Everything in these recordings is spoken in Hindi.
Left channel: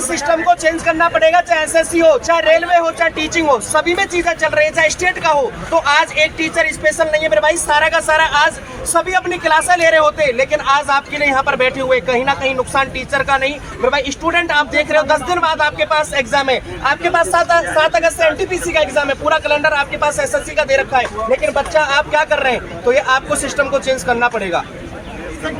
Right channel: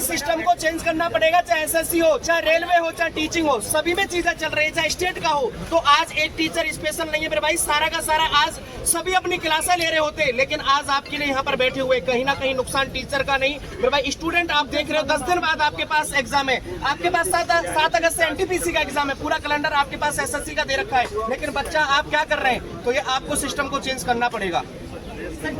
इस सिस्टम को चेंज करना पड़ेगा, चाहे एसएससी हो, चाहे रेलवे हो, चाहे टीचिंग हो, सभी में चीजें चल रही है, चाहे स्टेट का हो। तो आज एक टीचर स्पेशल नहीं है मेरे भाई, सारा का सारा आज सभी अपनी क्लासें ले रहे होते, लेकिन आज आपके लिए यहाँ पर बैठे हुए, कहीं ना कहीं नुकसान टीचर का नहीं मेरे भाई। स्टूडेंट आप देख रहे हो 10 दिन बाद आपके पास एग्जाम है, आपके पास 7 अगस्त से एनटीपीसी का एग्जाम है, पूरा कैलेंडर आपके पास एसएससी का दे रखा है, लेकिन बच्चा आप क्या कर रहे हैं? तो ये आपको सिस्टम को चेंज करना पड़ेगा।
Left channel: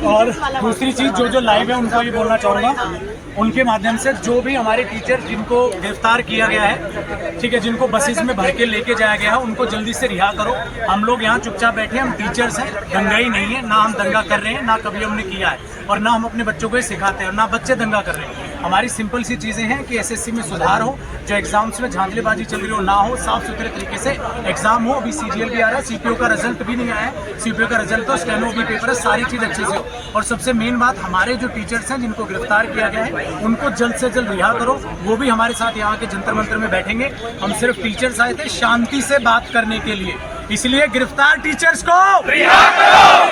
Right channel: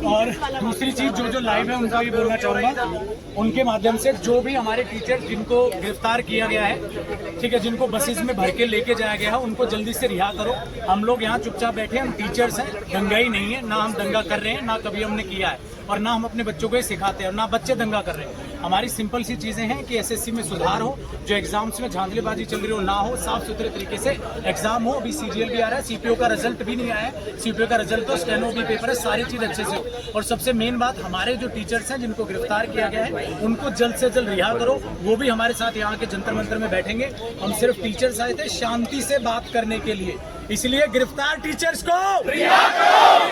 और दूसरी चीज जो लाइव है उनको ये बोलना चाहूँगा, उनके माध्यम से जो भी हमारे टीचर जिनको गिरफ्तार किया गया है, ठीक है, जिनको बसेस में भर के लेके जाया गया है, उनको जल्दी से रिहा करो। हम लोग यहाँ चुपचाप बैठे हैं, हम टीचर्स हैं, दंगा ही नहीं है, ना हम दंगा कर रहे हैं, ना कभी हमने किया है, और ना हम अपने बच्चों को ये सिखाते हैं, और ना बच्चे दंगा कर रहे हैं। हमारी सिंपल सी चीज़ें हैं कि एसएससी में सुधार हो, जो एग्जाम्स में झांझलेबाजी चल रही हो ना हो, साफ सुथरे तरीके से एग्जाम हो। अभी सीजीएल भी आ रहा है, सीपीओ का रिजल्ट भी नहीं आया है, सीपीओ का रिजल्ट तो स्टेनो भी पेपर है, सारी चीज़ अच्छे से हो। और सबसे मेन बात, हमारे जो टीचर्स हैं जिनको गिरफ्तार किया गया है उनको जल्द से जल्द रिहा करो। वो भी हमारे साथ यहाँ के जंतर मंतर में बैठेंगे। हम सिर्फ टीचर्स आए थे शांति से बात करने के लिए, इसलिए गिरफ्तार टीचर्स को रिहा करो,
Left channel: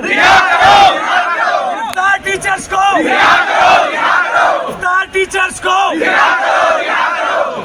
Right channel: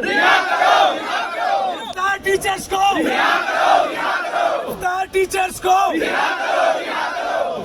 गिरफ्तार टीचर्स को, गिरफ्तार टीचर्स को।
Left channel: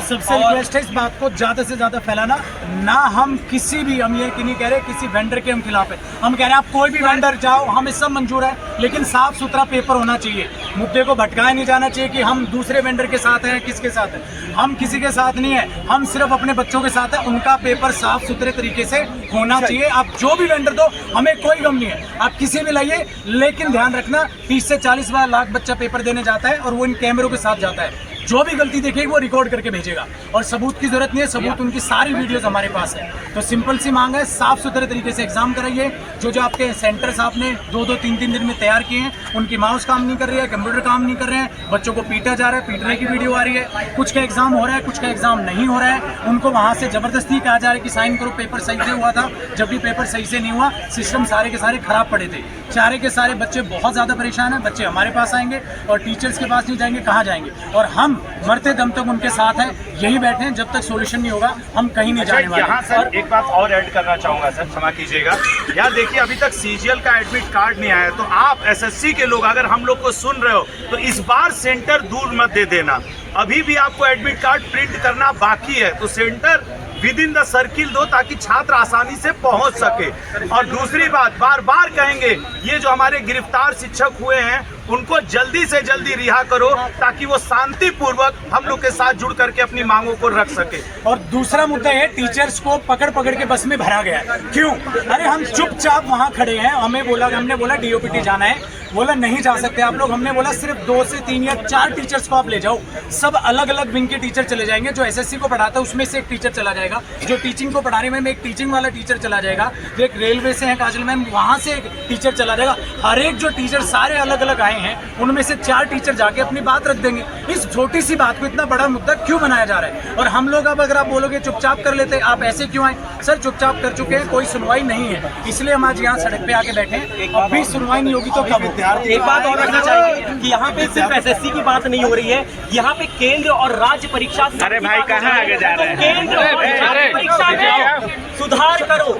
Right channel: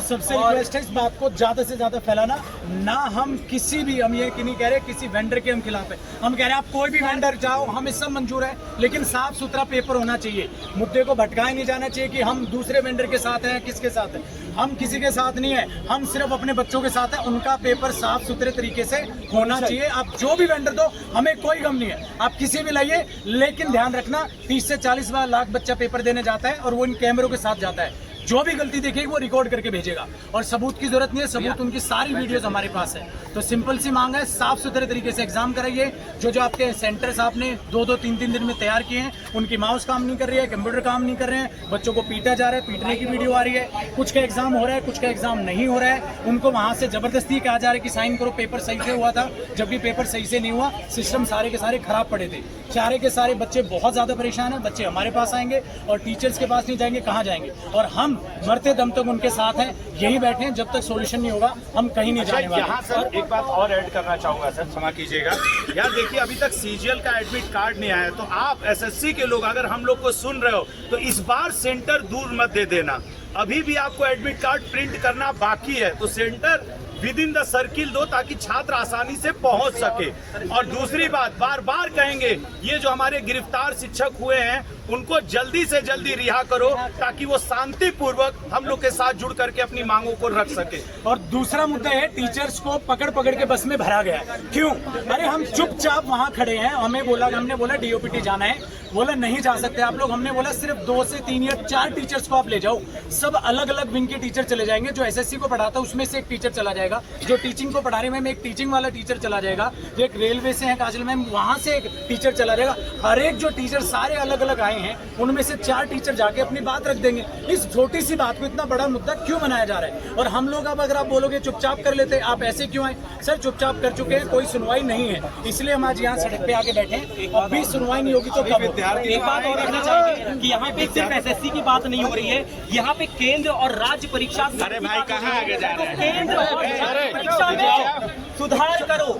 सबसे रिक्वेस्ट है इस बात को ज्यादा से ज्यादा फैलाना ना। हम किसी भी, हम ये नहीं कह रहे किसी वेंडर के हम खिलाफ है, हम कह रहे हैं आप कोई भी वेंडर जाओ, हमें सब मंजूर है, लेकिन साफ सुथरा पेपर होना चाहिए। मुद्दे को भटकाया नहीं जाना चाहिए कि हम दूसरे वेंडर के साथ हैं, किसके साथ हैं। हम किसी के साथ नहीं है, हम सिर्फ अपने बच्चों के साथ हैं। उनका पेपर साफ सुथरे तरीके से होना चाहिए। आप जो भी वेंडर दो, हमें कोई गम नहीं है, आप किसी भी लाइए, लेकिन ध्यान रखना 30 से 40 लाख बच्चा पेपर देने जाता है और वो इन कैमरों के साथ जाता है। जो भी गलती देखेगी वो रिकॉर्ड करके भेजेगा, और सबूत की जरूरत नहीं है, सबूत उनकी सारी वीडियोस हमारे पास है। तो सिंपल सी मांग है, साफ सुथरे तरीके से एग्जाम कराइए। जो आपके सेंटर्स आपने 2-2, 3-3 दिन में तैयार किए हैं, उनकी माउस काम नहीं कर रही है, कंप्यूटर काम नहीं कर रहे हैं, बच्चों को पीटा जा रहा है, पीटने की वीडियो आ रही है। कुछ का एग्जाम हो रहा है, कुछ का एग्जाम नहीं हो रहा है, उनको वहाँ से जबरदस्ती कहा जा रहा है कि साइन करो, पेपर सही से हुआ था, जब भी पेपर सही से नहीं हुआ, सिस्टम सारे के सारे खराब पड़े थे। सारे के सारे बच्चे बहुत ज़्यादा परेशान हैं। बच्चे हमारे पास आएंगे और टीचर्स के पास नहीं जाएंगे, कहाँ जाएंगे? और हम मरते दम तक उनके साथ हैं, यही बैठे हैं, जब तक सॉल्यूशन नहीं होगा हम कहीं नहीं जाने वाले। यहाँ सर एक बात और ऐड करना चाहूँगा सर, क्षमा कीजिएगा। यहाँ देखिए, अभी तक सीजीएल का एडमिट कार्ड नहीं आया, तो आप एसएससी के लोग अगर हम लोग को सुन रहे हो तो इस बार सेंटर दूर मत दे देना। अभी भी आपको एडमिट कार्ड प्रिंट करना बाकी है, तो centre with in the circle दो, ताकि छात्र आसानी से पहुंच सके। और दूसरी बात, बार बार कहेंगे, ये जो हमारे गिरफ्तार शिक्षक हुए हैं उनको जल्दी से जल्दी रिहा करो, ताकि वो शांतिपूर्वक हम लोग के साथ जुड़ करके अपनी मांगों को रख सके। और दूसरा मुद्दा है, टीचर्स को पकड़ पकड़ के बस में भरा गया है। क्यों? अरे हम चुपचाप वहाँ खड़े हैं, हमने बोला डीओपीटी जाना है, बोला नहीं जा सकते आप लोग। हमने बोला सिर्फ 2 से 3 या 4 टीचर्स को आप ले जाओ, सब अलग अलग विंग के टीचर चले जाएंगे। जो एसएससी को पढ़ाता है उसमें से एक टीचर चला जाएगा, जो टीचिंग को पढ़ा रही है एक टीचिंग वाला टीचर चला जाएगा, जो एक रेलवे से है काजल मैम, वहाँ से एक टीचर चला जाएगा। हर एक जो टीचर सारे अलग अलग आए हैं, उनमें से 4 टीचर जाके अपनी बात रख देंगे। इस छोटी सी बात को इतना बड़ा मुद्दा क्यों बनाया जा रहा है? और हम लोग अब अगर आप बोलोगे चुपचाप कर लेते, आप ऐसे क्यों आए? सर चुपचाप कर चुके हैं, कोई सुनवाई नहीं है, इसलिए हम आज यहाँ सड़क पे आके बैठे हैं। अब भी सुनवाई नहीं होगी तो कब होगी? एक बात और रखना चाहेंगे कि यहाँ पे सिर्फ एसएससी की बात नहीं हो रही है, यहाँ पे केंद्र और राज्य परीक्षा। अरे भाई कहाँ आगे जा रहे हैं? केंद्र और राज्य परीक्षा में सुधार करो।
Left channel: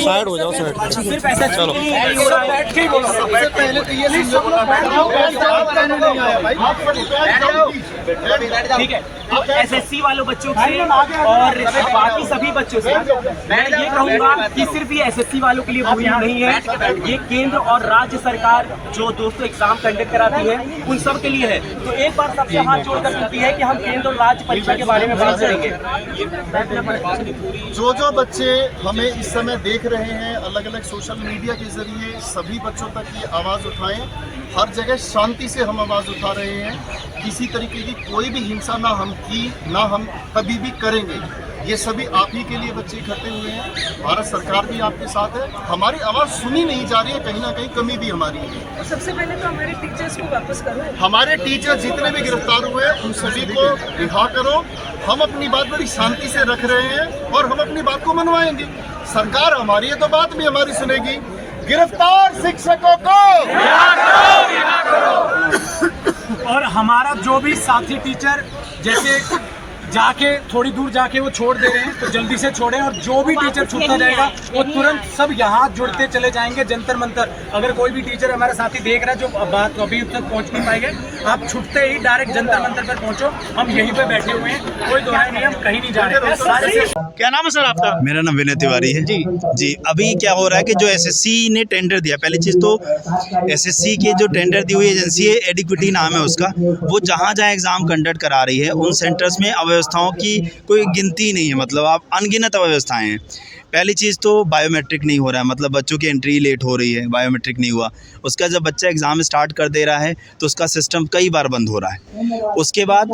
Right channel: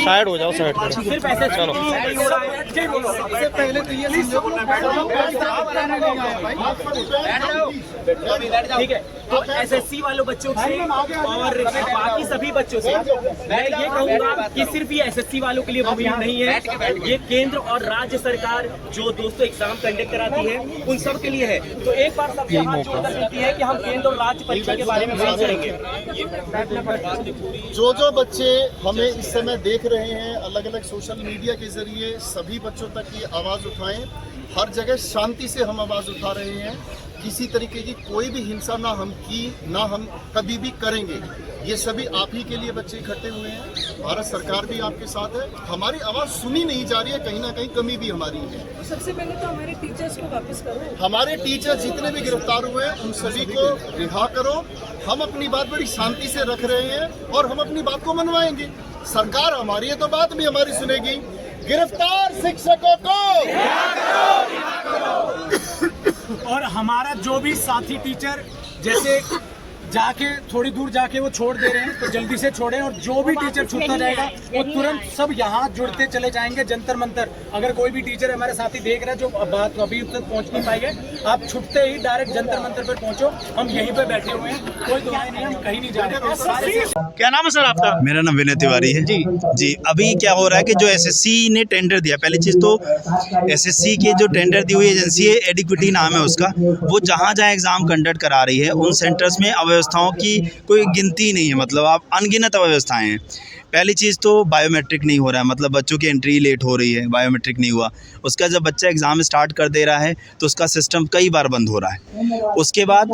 साइड हो जाओ, साइड। सिर्फ एसएससी ठीक है, तो एसएससी वालों बच्चों से और बाकी सभी बच्चों से मैं ये कहूँगा कि सिर्फ ये एसएससी वालों के लिए मुहिम नहीं है, ये केंद्र और राज्य सरकार जो दोस्तों एग्जाम कंडक्ट कराती है उन सब के लिए है। तो एक बार सबसे हाथ जोड़कर विनती है कि हम केंद्र और राज्य परीक्षा के बारे में बात करेंगे। जो बच्चे हमें इस समय देख रहे हैं अलग अलग सोशल मीडिया के जरिए, सभी बच्चों तक ये आवाज़ उठाएं। हर जगह शांति से हम आवाज़ उठा रहे हैं, किसी तरीके की कोई भी हिंसा ना हम की, ना हम कभी भी करेंगे। ये सभी आप ही के लिए बच्चे इकट्ठे हुए हैं, भारत सरकार भी आपके साथ है। हमारी आवाज़ सुनी नहीं जा रही है, कहीं ना कहीं कमी भी हमारी है। सबसे पहले तो हमारे टीचर्स को वापस करो। हमारे टीचर जितने भी गिरफ्तार हुए हैं उन सभी को रिहा करो। हम अपनी बात बड़ी शांति से रख रहे हैं और हम अपनी बात को मनवाएंगे। सरकार हमारी है तो बात भी हमारी सुनेगी। गिरफ्तार शिक्षकों को और हमारा जो भी साथी टीचर, जैसे जाके थोड़ी दूर जाके वो छोड़ दे रहे हैं, तो जल्दी से छोड़ें। और जो भी टीचर छूटता जाएगा वो तुरंत सब यहाँ जुड़ते चले जाएंगे जंतर मंतर। अगर कोई भी टीचर हमारे साथी देख रहा है जो बात अभी तक पहुँच नहीं पाई है, आप छूटते ही डायरेक्ट जंतर मंतर पर पहुँचो। हम यहीं पे बैठे हुए हैं, कोई दोहराई नहीं, हम कहीं नहीं जा रहे हैं। सारे क्या नाम है सर आपका? मेरा नाम विनय तिवारी है। जी अभी क्या हो रहा है कि जो एसएससी ने टेंडर दिया, पहली चीज़ तो एसएससी के जो टेंडर दी हुई एजेंसी है, एडिक्विटी नाम है उसका, वो जहाँ जहाँ एग्ज़ाम कंडक्ट करा रही है उन सेंटर्स में अव्यवस्थाओं की कोई गिनती नहीं है। मतलब आप अनगिनत अव्यवस्थाएँ हैं। पहली चीज़ तो बायोमेट्रिक नहीं हो रहा है, मतलब बच्चों की एंट्री लेट हो रही है, बायोमेट्रिक नहीं हुआ। उसका जब बच्चा एग्ज़ाम स्टार्ट कर दे रहा है तो उसका सिस्टम कई बार बंद हो रहा है। उसके बाद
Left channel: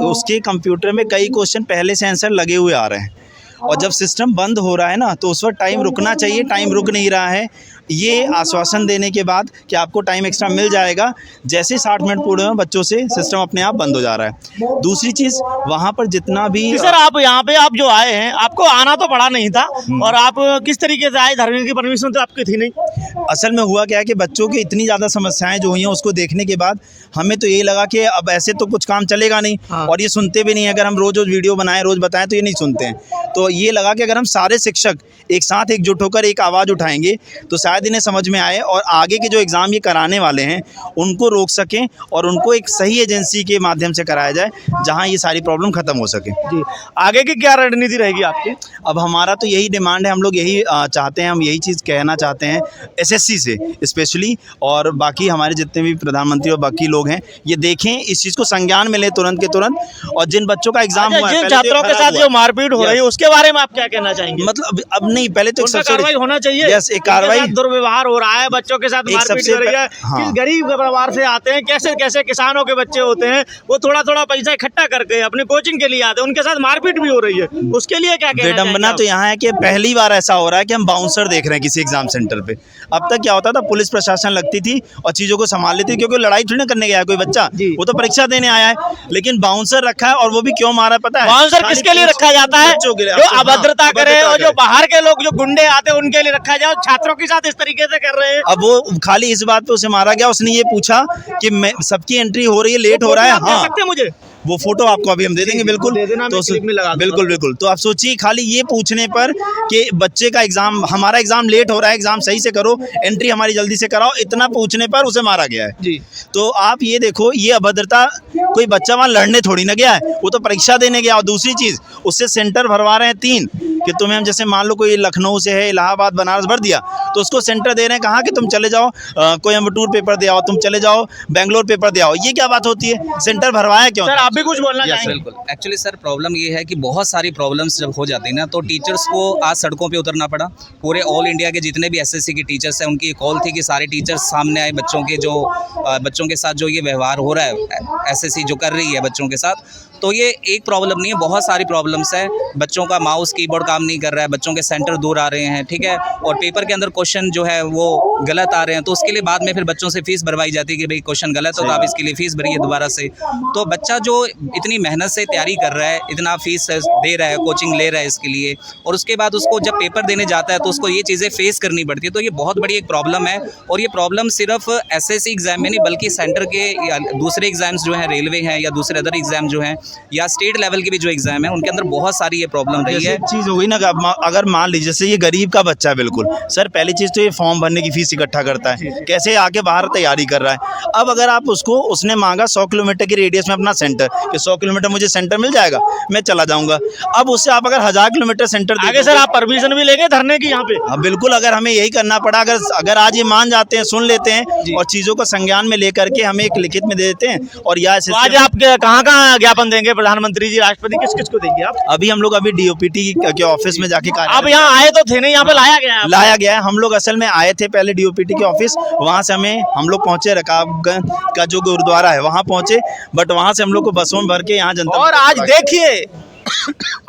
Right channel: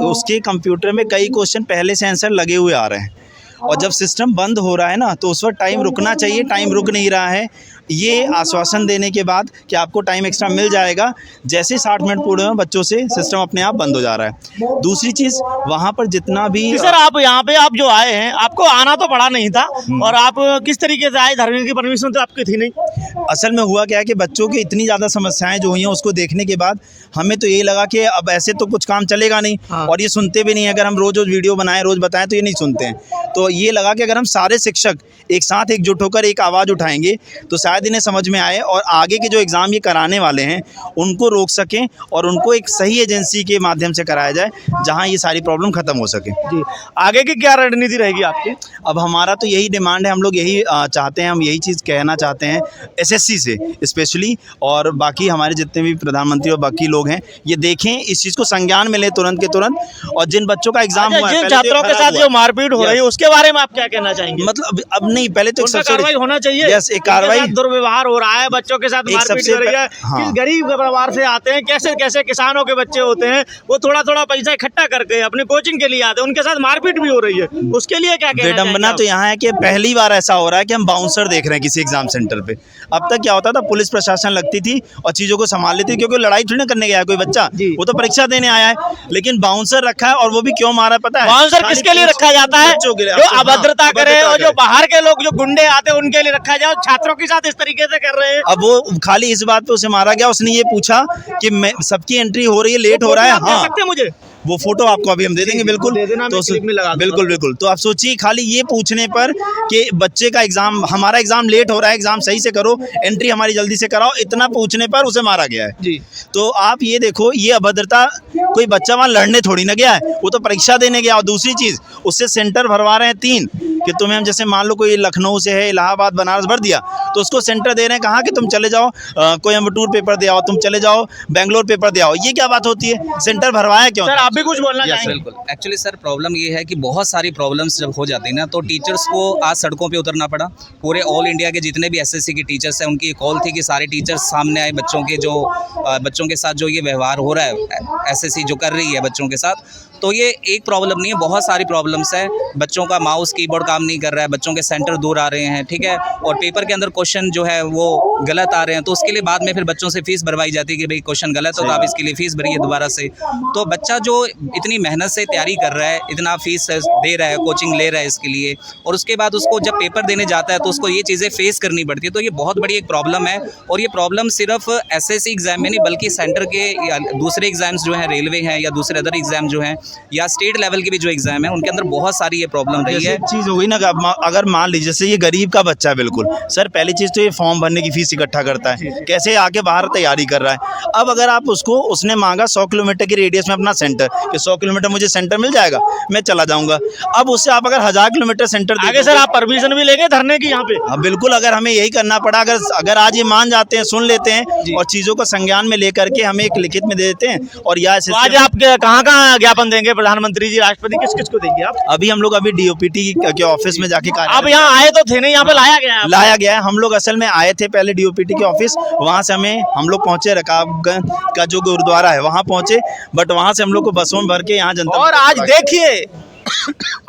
उसके कंप्यूटर में कई क्वेश्चन पहले से आंसर लगे हुए आ रहे हैं, और जब सिस्टम बंद हो रहा है ना तो उस वक्त टाइम रुकना चाहिए, टाइम रुक नहीं रहा है। ये आश्वासन देने के बाद कि आपको टाइम एक्स्ट्रा मिल जाएगा, जैसे 60 मिनट पूरे हुए बच्चों से सिस्टम अपने आप बंद हो जा रहा है। दूसरी चीज़, वहाँ पर जितना भी सर आप यहाँ पे आप जो आए हैं, आपको आना तो पड़ा नहीं था, और आप किस तरीके से आए? धर्म की परमिशन तो आपकी थी नहीं। असल में हुआ क्या है कि बच्चों की इतनी ज़्यादा समस्याएं जो हुई हैं उसको देखने के बाद हमें तो यही लगा कि अब ऐसे तो कुछ काम चलेगा नहीं। और ये सुनते भी नहीं है। अगर हम रोज़ वीडियो बनाएं, रोज़ बताएं तो ये नहीं सुनते हैं। तो ये लगा कि अगर हम सारे शिक्षक एक साथ एकजुट होकर एक आवाज़ उठाएंगे तो शायद इन्हें समझ में आए, और आगे के जो एग्ज़ाम ये कराने वाले हैं उनको रोक सकें, और उनको एक सही एजेंसी के माध्यम से कराया जाए जहाँ ये सारी प्रॉब्लम ख़त्म हो सके। जी, आगे की क्या रणनीति रहेगी आपकी? अब हमारा तो यही डिमांड है, हम लोग यही चाहते हैं, हम यही चीज़ कहना चाहते हैं एसएससी से स्पेशली, और बाकी हमारे जितने भी प्रधानमंत्री और बाकी लोग हैं, ये देखें, इस चीज़ को संज्ञान में लें तुरंत के तुरंत। और जिन बच्चों का एग्जाम हुआ है, जिन छात्रों के साथ जो मारपीट हो रही है उसके बारे में आप क्या कहना चाहेंगे? मतलब अब नहीं, पहले तो कार्रवाई होना चाहिए। यस, एक कार्रवाई। दुर्व्यवहार हो रहा है, बच्चों के साथ मारपीट हो रही है। किस गरीब परिवार से आते हैं, कैसे कैसे किसानों के बच्चे होते हैं, वो थोड़ा थोड़ा पैसा इकट्ठा करके अपने कोचिंग के लिए आते हैं, उनके साथ मारपीट भी हो रही है, उसके लिए क्या कहना चाहेंगे? विडंबना तो यहाँ है कि पहली बार ऐसा हो रहा है कि हम बाउंसर देख रहे हैं किसी एग्जाम सेंटर पे। अब तक क्या होता था, पुलिस प्रशासन लगती थी और चीज़ों को संभाल लेती थी, क्योंकि लड़ाई थोड़ी ना करने गया कोई बच्चा, वो तो परीक्षा देने आया है। लेकिन बाउंसर रखा है, और वो भी क्यों मारा पता है? बाउंसर किसके लिए रखा जाता है? जो अभद्रता करे, और जो बाहर के लोग जो गुंडे आते हैं उनके लिए रखा जाए। छात्रों के साथ इस तरीके से कर रहे हैं। अब वो खाली इस बात पे उसे मारा गया, उसने ये पूछा कि मैं सबकी एंट्री हो रही है, लेट हो रहा है। हाँ, सकते मुझे वो फोटो आपको अभी हम दे देंगे, बिल्कुल दे देना, तो क्लिप में लगा दूंगा। बिल्कुल बिल्कुल। तो आप सोचिए, खाली ये पूछने पर कि बच्चे का एग्जाम, हमारा एग्जाम लेट हो रहा है, एग्जाम सही से करो, एंट्री हमारी जल्दी से कराओ, इतना पूछने पर उसे मारा गया है। जी, तो आप ये देखो, ये अभद्रता, कोई बच्चा वहाँ लड़ने थोड़ी ना गया है, वो तो परीक्षा देने गया। और दूसरी चीज़, उससे सेंटर भरवा रहे हैं 3, कि तुम्हें हम जैसे मान लो कोई लखनऊ से है, इलाहाबाद, बनारस भर दिया, तो उसको सेंटर दे रहे हैं, कहाँ कि तुम चले जाओ कोयम्बटूर पेपर दे आओ, तुम चले जाओ बेंगलोर पेपर दे आओ। ये क्या बात होती है? सेंटर भरवाया क्यों? सर आप भी कुछ बोलना चाहेंगे? बिल्कुल। एक्चुअली सर प्रॉब्लम ये है कि बहुत सारी प्रॉब्लम्स जब हो जाती है ना, तो टीचर्स को आज सड़कों पे उतरना पड़ा। पूरे ऑल इंडिया के जितने भी एसएससी के टीचर्स हैं, उनकी कॉल थी कि सारे टीचर्स सामने आए, बच्चों के साथ जो ये व्यवहार हो रहा है, एसएससी जो कर रही है बच्चों के साथ, तो ये एक प्रॉब्लम नहीं है, बहुत सारी प्रॉब्लम्स हैं। बच्चों का माउस कीबोर्ड काम नहीं कर रहा है, बच्चों के सेंटर दूर आ रहे हैं, ठीक है, और पेपर के अंदर क्वेश्चन जो है वो गलत आ रहे हैं, तो उसके लिए बाद में फिर बच्चों से फीस भरवाई जाती है कि भाई क्वेश्चन गलत हो तो आप इसके लिए फ़ीस भरिए दोबारा से। तो बच्चा जो इतनी मेहनत से तैयारी कर रहा है, इतना फीस दे रहा है, कोचिंग ले रहा है इसके लिए, और उसके बाद उसको जब पेपर देने जाता है तो उसको ये चीज़ें फेस करनी पड़ती है। तो ये बहुत बड़ी एक प्रॉब्लम है, और ये प्रॉब्लम सिर्फ एसएससी एग्ज़ाम में नहीं, बल्कि सेंटर के या दूसरे एग्ज़ाम्स जो हैं, रेलवे हैं या दूसरे अदर एग्ज़ाम जो हैं, या स्टेट लेवल के भी जो एग्ज़ाम है, उनके अंदर बहुत सारी ये प्रॉब्लम रही है। चीज़ हो गई ना, अगर मान लीजिए जैसे ये गरीब का बच्चा है, बिल्कुल सर, पहली चीज़ तो ये फॉर्म भरने की फीस इकट्ठा करता है, कैसे आके बाहर तैयारी कर रहा है। अब अगर आप उसने मांगा 100 किलोमीटर की रेडियस में अपना सेंटर, कि 100 किलोमीटर मुझे सेंटर मिल जाएगा, मैं चला जाऊंगा। अब उससे आप अगर 1000 किलोमीटर सेंटर आगे सर आप परमिशन भी लेंगे धरने की यहाँ पे? हाँ बिल्कुल, अगर हमें यही करना पड़ा, अगर आज ये मान जाते हैं, सुन लेते हैं और चीज़ों को संज्ञान में लेकर के हमें एक लिखित में दे देते हैं, और या आज आप कहाँ ज्ञापन देंगे? प्रधानमंत्री जी, राष्ट्रपति, किस को देंगे आप? अभी हम लोग अभी डीओपीटी के ऑफिस में जाके आप यहाँ आए तो थे नहीं, यहाँ पे लाया गया है। हम लोग असल में आए थे पहले डीओपीटी के ऑफिस, वहाँ से हम लोग पहुँचे रकाबगंज का जो गुरुद्वारा है वहाँ पहुँचे, बट वहाँ से हम लोग को बसों में भर के यहाँ जनता। और आज देखिए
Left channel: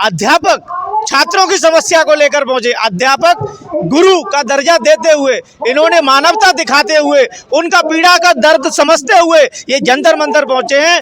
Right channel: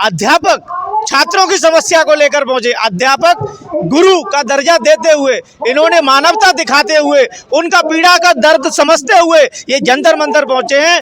अध्यापक छात्रों की समस्या को लेकर पहुंचे, अध्यापक गुरु का दर्जा देते हुए, इन्होंने मानवता दिखाते हुए, उनका पीड़ा का दर्द समझते हुए ये जंतर मंतर पहुंचे हैं।